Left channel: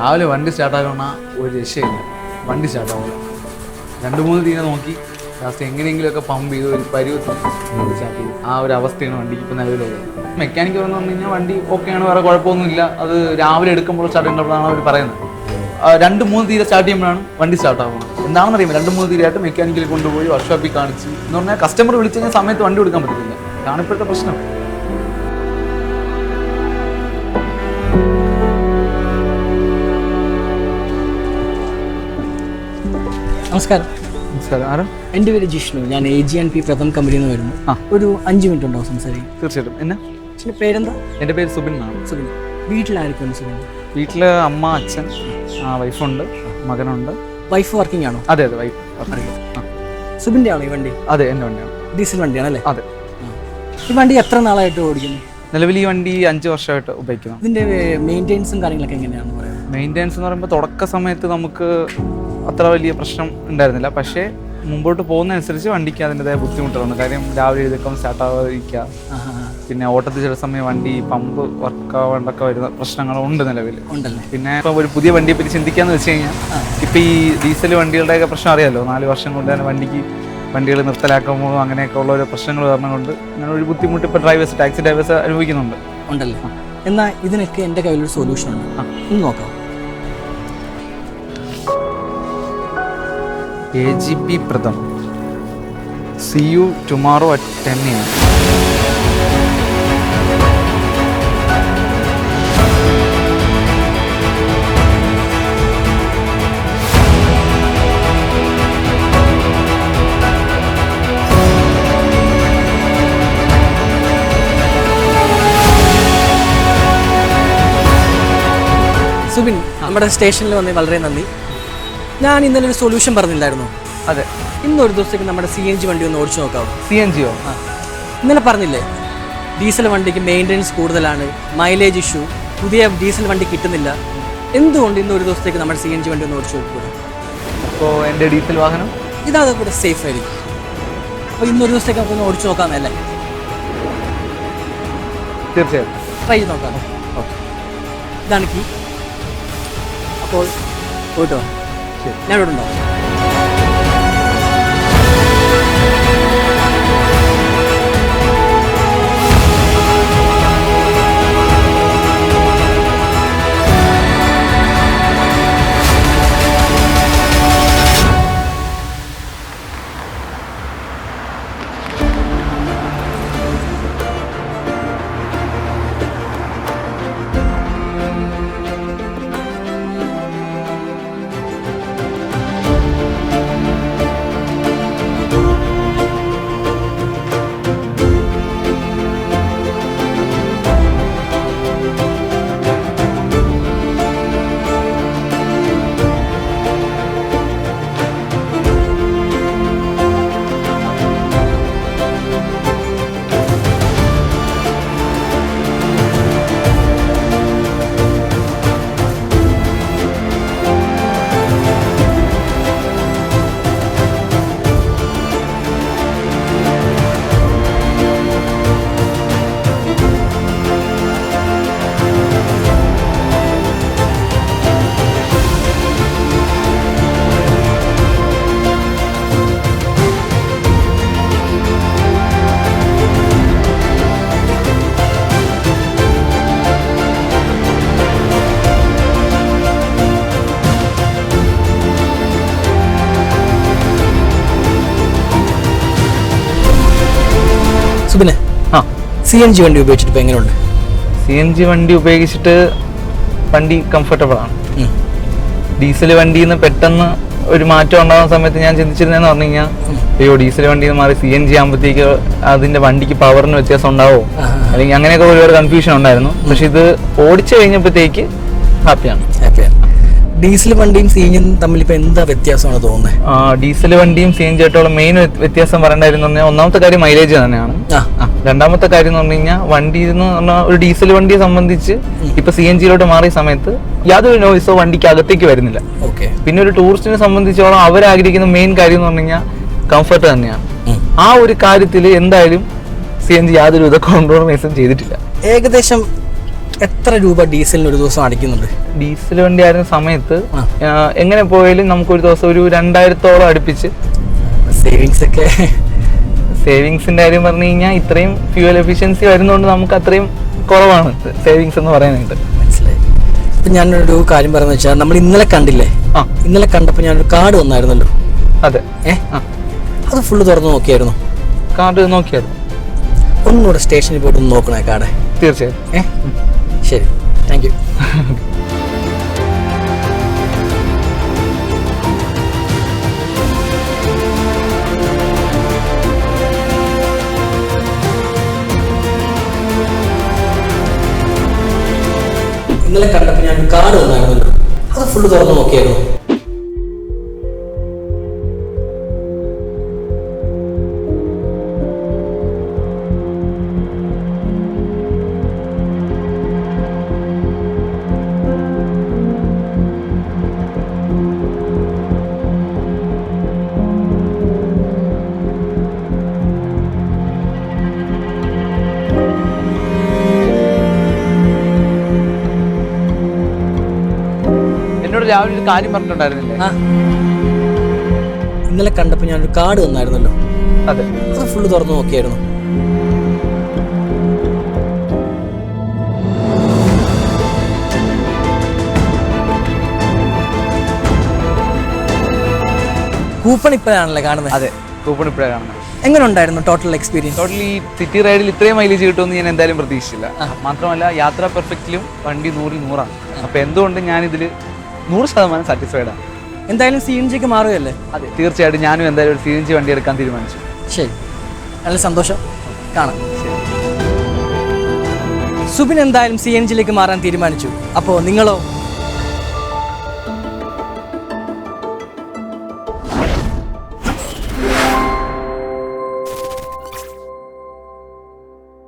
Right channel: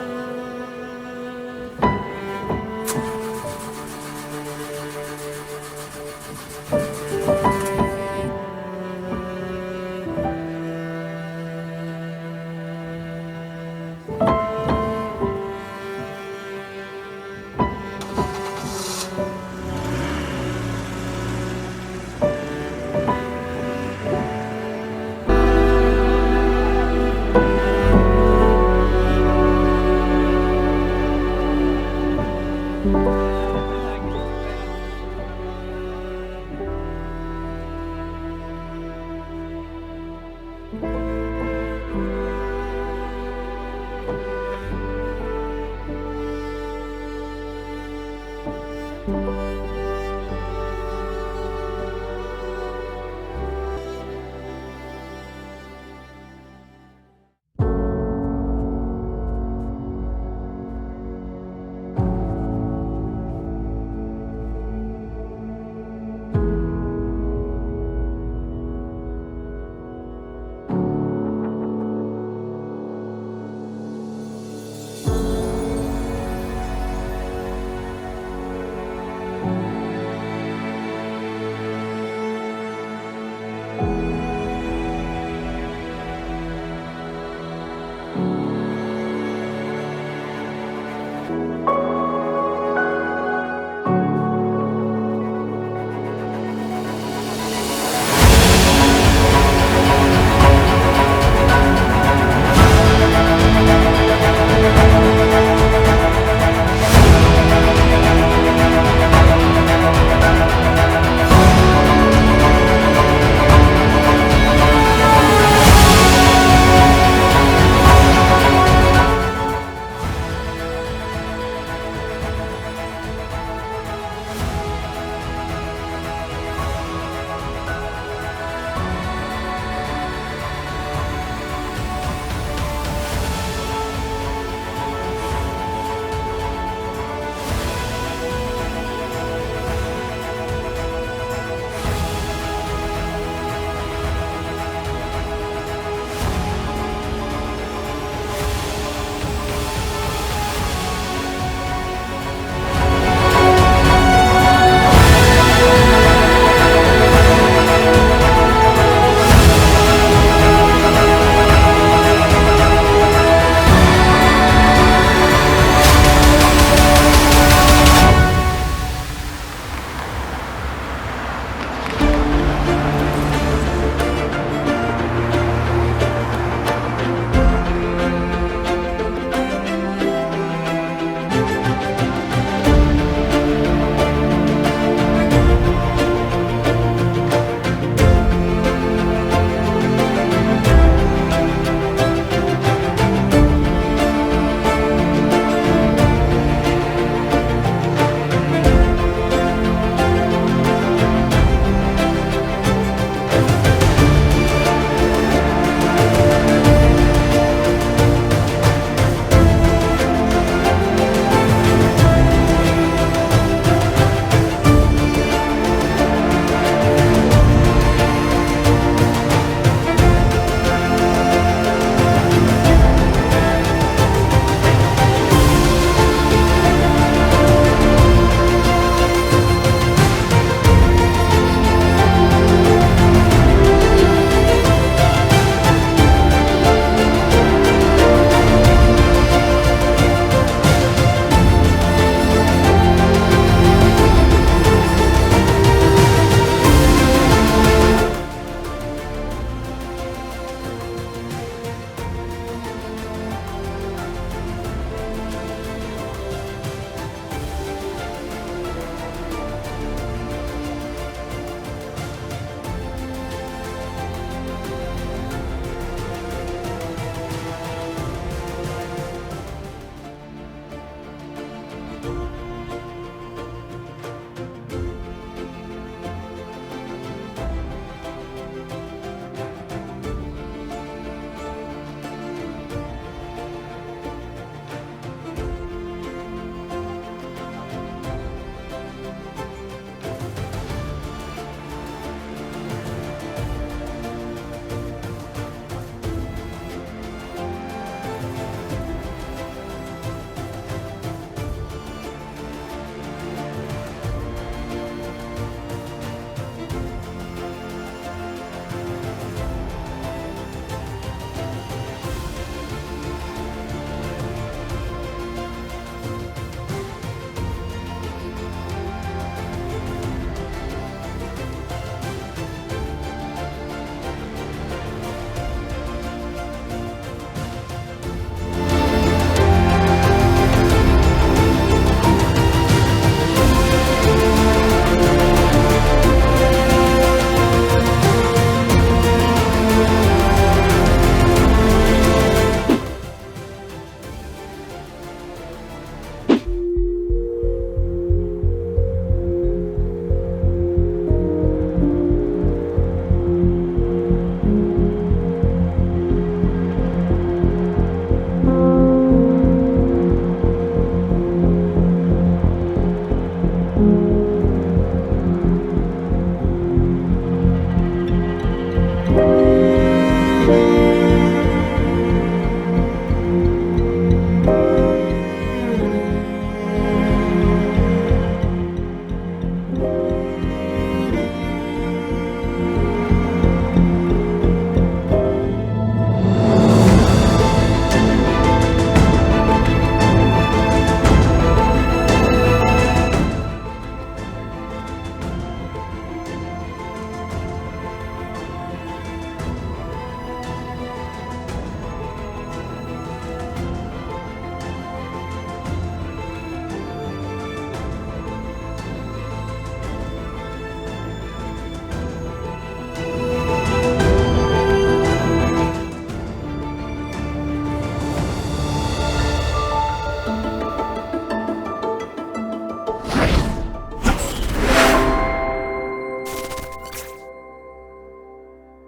രാവിലെ വണ്ടി സ്റ്റാർട്ടാക്കണ ഒരു രക്ഷയില്ല. വണ്ടി സ്റ്റാർട്ടാവും 2-3 തീരെ നോക്കി ലാസ്റ്റ് എങ്ങനെയെങ്കിലുമൊക്കെ പമ്പ് ചെയ്ത് ഒരു ആ ഒരു അവസ്ഥയാണ് വണ്ടിക്ക് ഇപ്പോൾ നിലവിലുള്ളത്. മെക്കാനിക്ക് പറഞ്ഞു കഴിഞ്ഞാൽ വണ്ടി ഓക്കെയാണ്, വേറെ കുഴപ്പമൊന്നുമില്ല. അത് രാവിലെ എടുക്കുമ്പോൾ സ്റ്റാർട്ട് ചെയ്യേണ്ടതാണ് അവർ പറയുന്നത്. 2-3 തീരെ സ്റ്റാർട്ട് ചെയ്യുമ്പോഴാണ് വണ്ടി സ്റ്റാർട്ടാകുന്നത്. എന്താണെന്ന് അറിയുമ്പോൾ 2-3 തീരെയായിട്ട് മെക്കാനിക്കിൽ കൊണ്ടുപോയി വർക്ക്ഷോപ്പിൽ കാണിച്ച് എന്ന് പറഞ്ഞാൽ കസ്റ്റമർ വിളിച്ചു കഴിഞ്ഞാൽ സമയത്ത് വണ്ടി കൊടുക്കാൻ പറ്റില്ല. ഇതാണ് ഇപ്പോഴത്തെ പ്രശ്നം. നമസ്കാരം. നമസ്കാരം. ആരും? എൻ്റെ പേര് ജിഷ്ണു. ഞാൻ AG&P പ്രഥം കമ്പനിയിൽ നിന്ന് വരുന്നു. ഒരു 5 മിനിറ്റ് ഉണ്ടാവും സംസാരിക്കും? തീർച്ചയായിട്ടും. എന്നെ പേരെന്താ? എൻ്റെ പേര് സുബിൻ എന്നാണ്. സുബിൻ. വീട്ടിലായിരിക്കും സുബിൻ? വീട്ടിൽ അമ്മ, അച്ഛൻ, വൈഫുണ്ട്, മകനുണ്ട്. വൈഫ് വർക്കിംഗ് ആണോ? അതെ അതെ, വൈഫ്. സുബിൻ്റെ ആണോ ഈ വണ്ടി? അതെ, എൻ്റെ വണ്ടിയാണ്. ഡീസൽ വണ്ടിയാണല്ലേ? അതെ. ഈ വണ്ടി എത്ര നാളായിട്ട് ഓടിക്കുന്നു? നിലവിൽ ഈ വണ്ടി 5 വർഷമായിട്ട് ഉപയോഗിക്കുന്നു. ഇതിൻ്റെ മെയിൻ്റെനൻസും കാര്യങ്ങളൊക്കെ എങ്ങനെയാണെന്ന് പറയാം? മെയിൻ്റെനൻസ് എന്ന് പറയുമ്പോൾ തുടക്ക സമയത്ത് നമുക്ക് അത്ര വലിയ പ്രശ്നം ഉണ്ടായിരുന്നില്ല. പക്ഷേ മുമ്പോട്ട് പോകുന്നതനുസരിച്ച് വണ്ടിക്ക് അതിൻ്റെതായ ബുദ്ധിമുട്ടുകളുണ്ട്. കാര്യം രാവിലെ എഴുതക്കം സ്റ്റാർട്ടാവാതിരിക്കുക, പിന്നെ ഓട്ടത്തിൽ ചില സമയം വണ്ടി പമ്പ് വർക്കാവാണ്ടൊക്കെ വരുന്ന പ്രശ്നങ്ങളുണ്ട് നിലവിൽ. പിന്നെ ഇപ്പം ഒരു പുതിയ വണ്ടിയെ പറ്റി ചിന്തിക്കാന്ന് വെച്ച് കഴിഞ്ഞാൽ ഇപ്പം ഈ ഡീസൽ വണ്ടികളുടെയൊക്കെ പ്രശ്നം അറിയാമല്ലോ. 4 വർഷം കൊണ്ട് തന്നെ വണ്ടികൾ നിർത്തലാക്കുമ്പോൾ അങ്ങനെയൊക്കെ ഉള്ള ഒരു പ്രശ്നങ്ങൾ കാരണം കൊണ്ട് അങ്ങനെ ഒരു ബുദ്ധിമുട്ട് ഇപ്പോൾ ടാക്സി ഡ്രൈവേഴ്സ് അനുഭവിക്കുന്നുണ്ട്. ഉണ്ടല്ലോ. എന്നാൽ ഇതിനൊക്കെ എൻ്റെ കയ്യിലൊരു സൊല്യൂഷൻ ഉണ്ട്. ഒന്ന് നോക്കാം. AG&P Pratham. See you tomorrow at 10 AM. Subin, നമ്മുടെ സ്റ്റേഷനിൽ വന്നേ വളരെ നന്ദി. ഞാൻ ഇന്നലെ ഒരു സൊല്യൂഷൻ പറഞ്ഞില്ലായിരുന്നു? അതെ. ഇന്നൊരു ദിവസത്തേക്ക് നമ്മുടെ CNG വണ്ടി ഒന്ന് ഓടിച്ചു നോക്കാം. CNG യോ? ഇന്നലെ പറഞ്ഞില്ലേ ഡീസൽ വണ്ടിക്ക് മെയിൻ്റെനൻസ് കൂടുതലാണ്, മൈലേജ് ഇഷ്യൂ, പുതിയ ഡീസൽ വണ്ടി കിട്ടുന്നില്ല. എന്തുകൊണ്ട് ഇന്നൊരു ദിവസത്തേക്ക് നമ്മുടെ CNG വണ്ടി ഒന്ന് ഓടിച്ചു നോക്കുക? അപ്പോൾ എൻ്റെ ഡീസൽ വാഹനം ഇതാണ് ഇവിടെ സേഫ് ആയിരിക്കും. അപ്പോൾ ഇന്നൊരു ദിവസത്തേക്ക് ഒന്ന് ഓടിച്ചു നോക്കാമെന്നല്ലേ? തീർച്ചയായും ട്രൈ ചെയ്ത് നോക്കാം. ഇതാണ് കീ. അപ്പോൾ പോയിട്ടോ, ഞാൻ ഇവിടെ ഉണ്ടോ? സുബിനെ, CNG വണ്ടി ഉപയോഗിച്ചിട്ട് ഇപ്പോൾ എങ്ങനെയുണ്ട്? CNG വണ്ടി ഉപയോഗിച്ചിട്ട് വണ്ടി കംഫർട്ടബിൾ ആണ്. ഡീസൽ വണ്ടിയിൽ നിന്ന് പെട്ടെന്ന് ഒരു മാറ്റം ഉണ്ടാകുന്ന സമയത്ത് ഞാൻ ചിന്തിച്ചിരുന്നതെന്ന് പറഞ്ഞു കഴിഞ്ഞാൽ അയ്യോ ഡീസൽ വണ്ടിയിൽ നിന്ന് മാറി CNG ആകുമ്പോഴത്തേക്ക് അതിൻ്റെ വണ്ടിക്ക് പവറിന് വ്യത്യാസം ഉണ്ടാവോ, അല്ലെങ്കിൽ അങ്ങനെയൊക്കെ ഒരുപാട് കൺഫ്യൂഷൻ ഉണ്ടായിരുന്നു. പക്ഷെ ഇത് ഓടിച്ചു കഴിഞ്ഞപ്പോഴത്തേക്ക് ഹാപ്പിയാണ്. ഡീസൽ വണ്ടിയും CNG തമ്മിൽ ഇപ്പോൾ എന്താ വ്യത്യാസമാണ് തോന്നുന്നത്? ഡീസൽ വണ്ടിയും CNG ആയിട്ടുള്ള മെയിൻ വ്യത്യാസം പറയേണ്ടായിരുന്നു പറഞ്ഞാൽ ഒന്നാമത്തെ കാര്യം മൈലേജ് തന്നെയാണ്. രണ്ടാമത്തെ കാര്യം എന്ന് പറഞ്ഞു കഴിഞ്ഞാൽ വണ്ടി എന്ന് പറഞ്ഞാൽ ഒരു ഡീസൽ വണ്ടിയെ സംബന്ധിച്ച് ഇപ്പൊ CNG മാറിയ സമയത്ത് യാതൊരു നോയ്സോ വണ്ടിക്ക് അകത്തേക്ക് വരുന്നില്ല. പിന്നെ ഒരു ടൂറിസ്റ്റിനെ സംബന്ധിച്ചോളം അവരാഗ്രഹിക്കുന്ന മെയിൻ കാര്യം എന്ന് പറഞ്ഞു കഴിഞ്ഞാൽ കംഫർട്ട് തന്നെയാണ്. ആ ഒരു കാര്യത്തിൽ എന്തായാലും CNG യാതൊരു വിധ കോംപ്രമൈസും ചെയ്തിട്ടില്ല. ഏകദേശം എത്ര രൂപ ഡീസലിന് ഒരു ദിവസം അടിക്കുന്നുണ്ട്? ഡീസൽ വണ്ടി ആയിരുന്ന സമയത്ത് എങ്ങനെ പോയാലും നമുക്കൊരു ദിവസം ഒരു 2000-ഓളം അടുപ്പിച്ച് സേവിങ്സിന്റെ കാര്യം പറഞ്ഞു കഴിഞ്ഞാൽ ഇത്രയും ഫ്യൂവൽ എഫിഷ്യൻസി വരുന്നതുകൊണ്ട് നമുക്ക് അത്രയും കുറവാണ് സേവിങ്സ് എന്ന് പറയുന്നത്. ഇപ്പം ഞാനൊരു കാര്യം പറയുന്നത് വെച്ചാൽ നമ്മൾ ഇന്നലെ കണ്ടില്ലേ, ഇന്നലെ കണ്ടപ്പോൾ ഞാനൊരു കാർഡ് വന്നായിരുന്നല്ലോ. അതെ. അത് ഫുള്ള് തുറന്ന് നോക്കിയായിരുന്നു? കാർഡ് നോക്കിയായിരുന്നു. ഒന്നുകൂടെ സ്റ്റേഷനിൽ പോയിട്ട് ഒന്ന് നോക്കണേ കാർഡ്. തീർച്ചയായും. ശരി, താങ്ക് യു. ഇന്നലെ കണ്ടപ്പോൾ ഞാൻ കാർഡ് വന്നായിരുന്നല്ലോ. അത് ഫുള്ള് തുറന്ന് നോക്കിയായിരുന്നു? രാവിലെ ഒരു കാര്യം പറഞ്ഞിട്ടുണ്ടായിരുന്നില്ല? ഇന്നലെ കണ്ടപ്പോൾ ഞാനൊരു കാർഡ് വന്നായിരുന്നല്ലോ. അതെ. അത് ഫുള്ള് തുറന്ന് നോക്കിയായിരുന്നു? കൂപ്പൺ ഇപ്പോഴാണല്ലേ കാണുന്നത്? അതെ, കൂപ്പൺ ഇപ്പോഴാണ് കാണുന്നത്. എങ്ങനെ ഉണ്ടായിരുന്നു ടോട്ടൽ എക്സ്പീരിയൻസ്? ടോട്ടലി സിറ്റി റൈഡിൽ ഇത്രയും മൈലേജ് കിട്ടുമെന്ന് ഞാൻ എന്തായാലും പ്രതീക്ഷിച്ചില്ല. മാത്രമല്ല യാത്രാ പെർഫെക്റ്റിലും വണ്ടി 100-100ആണ്. അപ്പോൾ എന്തുകൊണ്ട് ഞാനിതിൽ 100% സാറ്റിസ്ഫൈഡ് ആണ്. എന്തായാലും CNGക്ക് മാറുകയല്ലേ? അതെ, തീർച്ചയായിട്ടും ഞാനും എന്തായാലും ഒരു CNG വണ്ടി എടുക്കാൻ തീരുമാനിച്ചു. ശരി, നല്ല സന്തോഷം. കാണാം. സുബിൻ എന്തായാലും CNGയിലേക്ക് മാറാൻ തീരുമാനിച്ചു. അപ്പോൾ നിങ്ങളോ?